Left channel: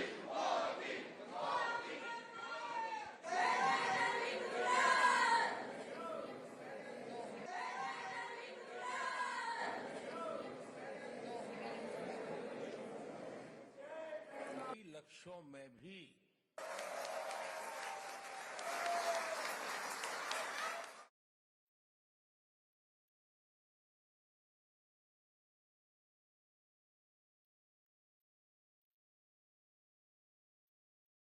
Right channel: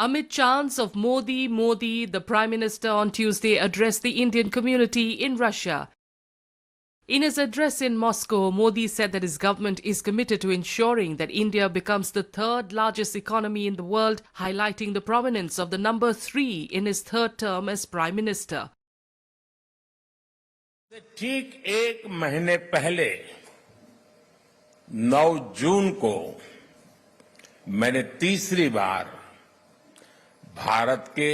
Amid chants of Modi, Modi, the Prime Minister on Tuesday addressed the Indian community in Russia. In his address in Moscow, Modi said that his government is committed to ensuring that India becomes the third largest economy in the world, highlighting the prominence of the number 3 in his third term as Prime Minister. ठीक एक महीने पहले 9 जून को मैंने तीसरी बार भारत के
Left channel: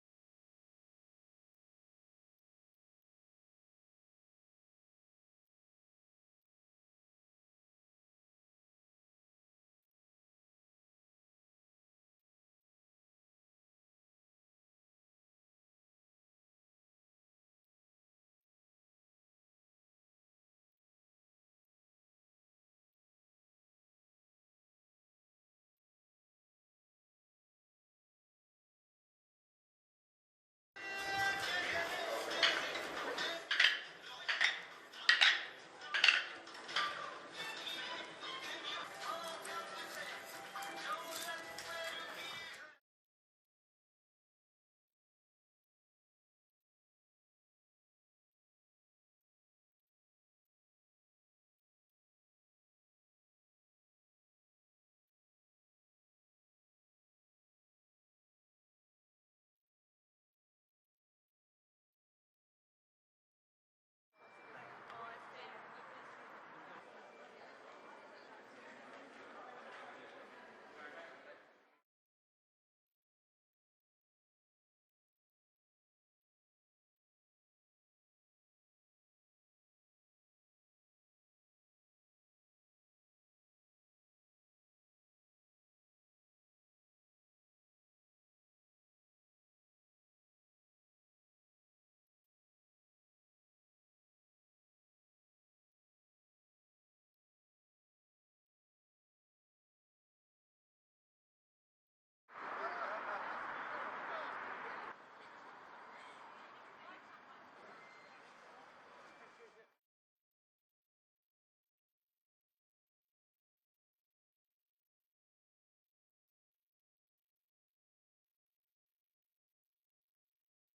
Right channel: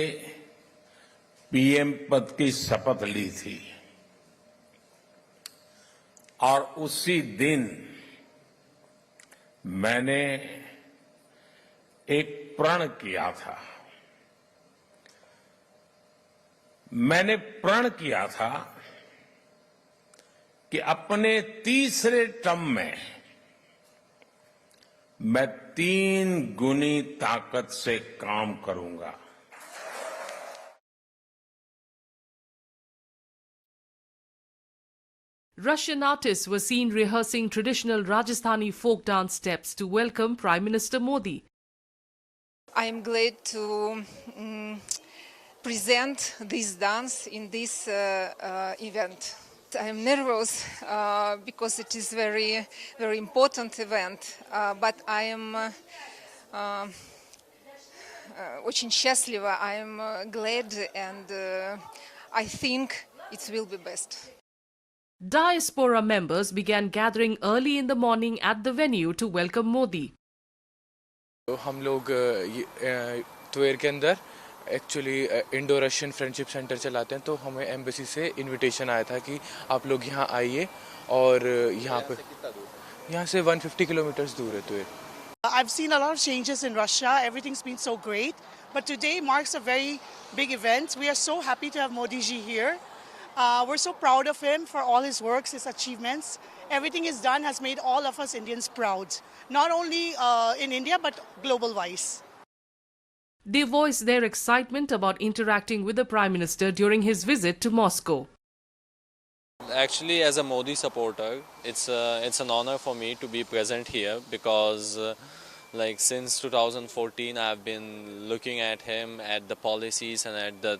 PM पद की शपथ ली थी और उसी दिन मैंने एक प्रण किया था। मैंने प्रण किया था कि अपने तीसरे टर्म में मैं 3 गुनी ताकत से काम करूंगा। Russian artists were seen rehearsing traditional Rajasthani folk dance steps to welcome Prime Minister Modi. I am glad to present this dance in this event. I am nervous because it is very important event, but I am очень счастлива. I am glad and I think it will be best. Diaspora members began gathering early in the morning at the venue to welcome Modi. हम लोग त्वेर के अंदर actually Indo Russian friendship centre चलाते हैं, तो हमें embassy से invitation आया था कि आप लोग यहाँ आइए और यहाँ से 150 किलोमीटर दूर है त्वेर। I've seen a lot of changes in Russia. Everything's been so great, but today marks a very big event. We are so happy to have Modi ji here. We're so proud of him for all his works, his achievements. Everything he's done has made all of us Indians proud, not only in India but global-wise. They voiced their excitement about interacting with the Prime Minister during his visit to Moscow. Actually, as a Modi supporter, it's an honor for me to be present here because like since 2014 I've been looking at him, at the policies and at the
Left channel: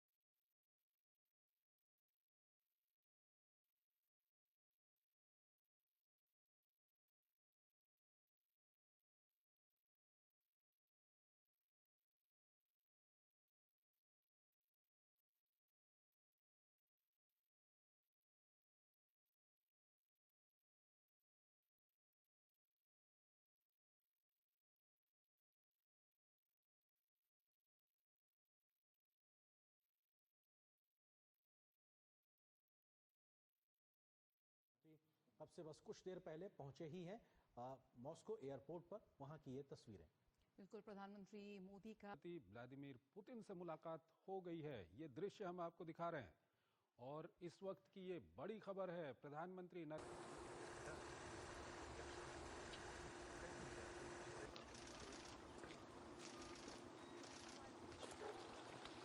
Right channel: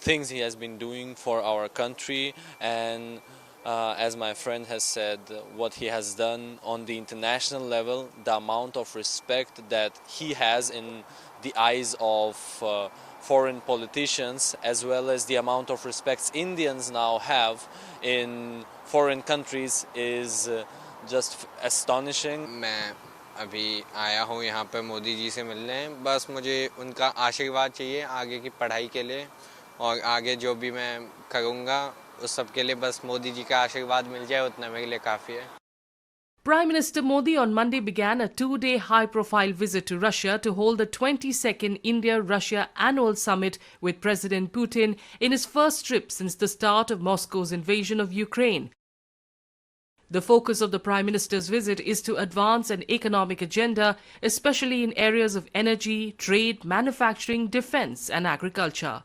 things he has been doing for our country, and as my friend has said, what he has done on the international level, the amount of respect that he has in the eyes of foreign politicians, as well as the amount of respect Indians now have in foreign countries is just astonishing. मैं अभी आया हूँ यहाँ पे मोदी जी से मिलने, बस मुझे उनका आशीर्वाद चाहिए आगे की पढ़ाई के लिए, और आगे जो भी मैं करूँगा उस सब के लिए बस मोदी जी का आशीर्वाद मिल जाए उतना मेरे लिए काफ़ी है। Prime Minister Modi on Monday began a 2-day high-profile visit to Russia to hold the 22nd India-Russia Annual Summit with President Putin in his first trip since the start of Moscow's invasion of Ukraine. The focus of the Prime Minister's visit is to advance an economic agenda, especially in areas of energy, trade, manufacturing, defense and agriculture.